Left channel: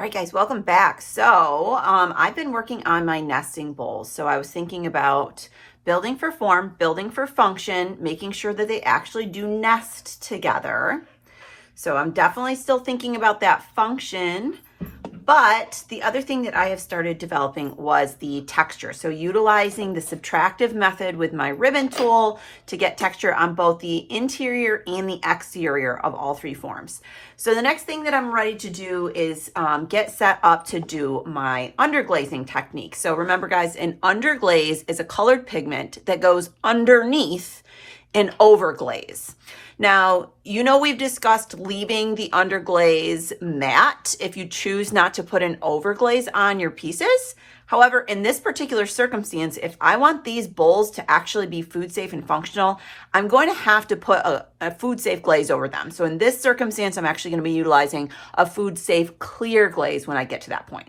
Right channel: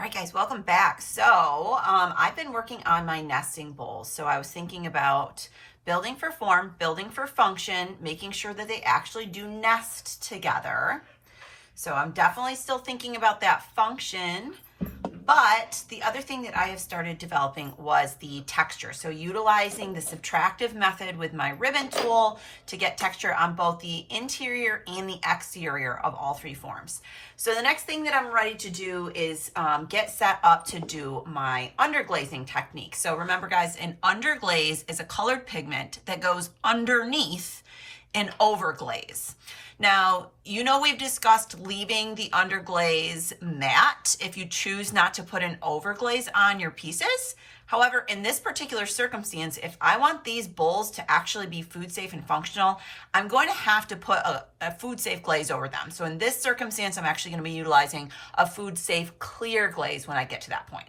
All right, guys, welcome back. So I've been working on my nesting bowls. So I was thinking about building for form, building for function, making sure that they actually do nest together. So I'm definitely still thinking about that function. But the other thing that I have started developing was the texture. So utilizing the subtractive method with my ribbon tool to get texture on both the interior and the exterior of all three forms. So the next thing that I'm ready to do is get set up to do my underglazing technique. So remember guys, an underglaze is a colored pigment that goes underneath an overglaze. Now, you know we've discussed leaving the underglaze matte if you choose not to put an overglaze on your pieces. However, in this particular circumstance, if I want these bowls to actually be food safe and functional, I'm going to have to put a food safe glaze over them. So in this circumstance, I'm actually going to be utilizing a food safe clear glaze when I get to that point.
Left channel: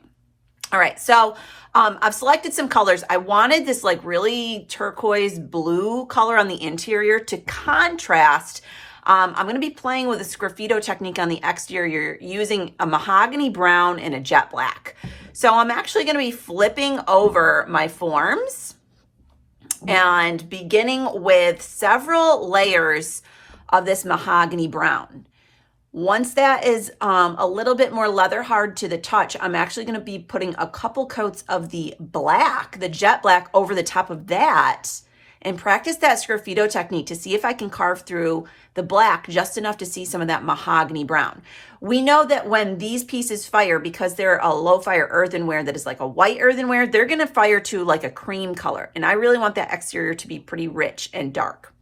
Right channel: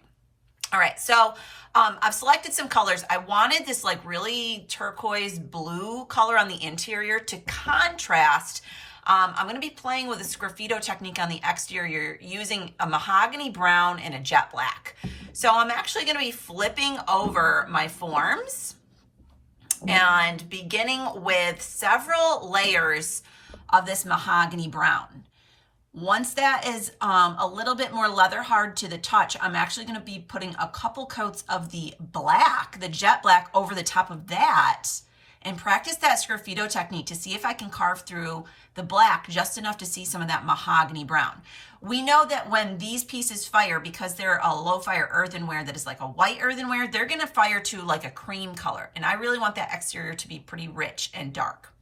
All right, so I've selected some colors. I wanted this like really turquoise blue color on the interior to contrast. I'm going to be playing with a sgraffito technique on the exterior using a mahogany brown and a jet black. So I'm actually going to be flipping over my forms and beginning with several layers of this mahogany brown. Once that is a little bit more leather hard to the touch, I'm actually going to be putting a couple coats of the black, the jet black, over the top of that and practice that sgraffito technique to see if I can carve through the black just enough to see some of that mahogany brown. We know that when these pieces fire, because they're a low fire earthenware that is like a white earthenware, they're going to fire to like a cream color. And I really want that exterior to be pretty rich and dark.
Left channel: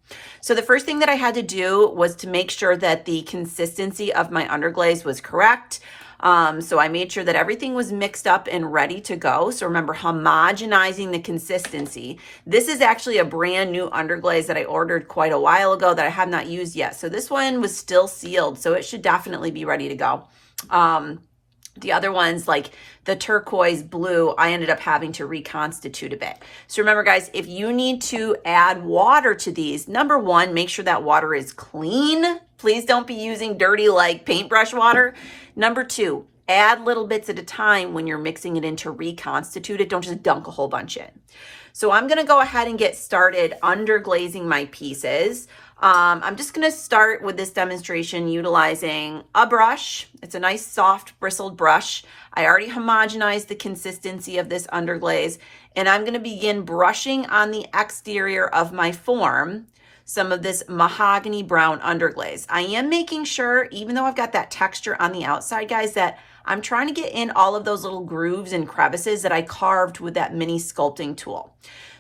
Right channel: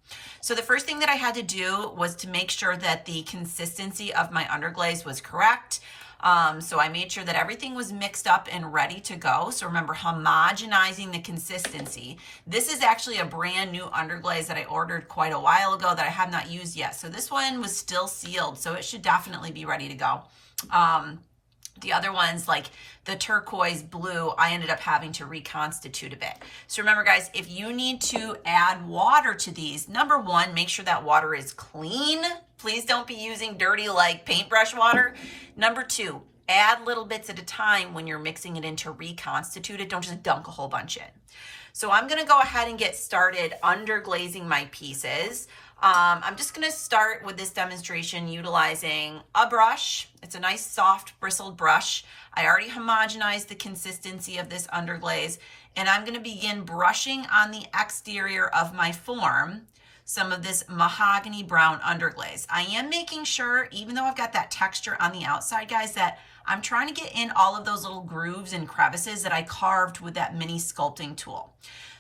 So the first thing that I had to do was to make sure that the consistency of my underglaze was correct. So I made sure that everything was mixed up and ready to go. So remember, homogenizing the consistency. This is actually a brand new underglaze that I ordered quite a while ago that I have not used yet. So this one was still sealed, so it should definitely be ready to go. The other ones, like the turquoise blue, I ended up having to reconstitute a bit. So remember guys, if you need to add water to these, number one, make sure that water is clean. Please don't be using dirty like paintbrush water. Number two, add little bits at a time when you're mixing it in to reconstitute it. Don't just dunk a whole bunch in. So I'm gonna go ahead and get started underglazing my pieces. I'm just gonna start with this demonstration utilizing a brush. It's a nice soft bristled brush. I already homogenized the consistency of this underglaze, and I'm gonna begin brushing on the exterior of my form some of this mahogany brown underglaze. I am making sure, even though I've got that texture on the outside, guys, that I'm trying to get in all of those little grooves and crevices that I carved with that mini sculpting tool.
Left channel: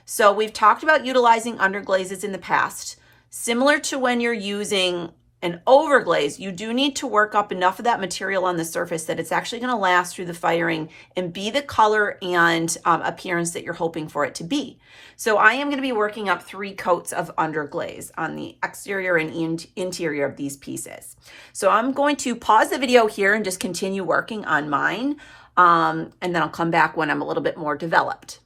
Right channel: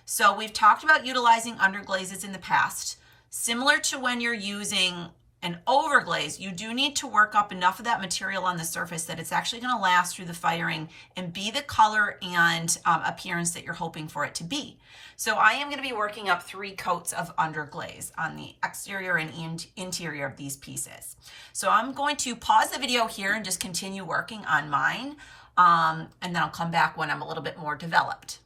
So we've talked about utilizing underglazes in the past. Similar to when you're using an overglaze, you do need to work up enough of that material on the surface that it's actually going to last through the firing and be the color and appearance that you're hoping for it to be. So I am going to be working up 3 coats of underglaze on the exterior and interior of these pieces. So I'm going to pause the video here and just continue working on mine, and then I'll come back when I'm a little bit more developed.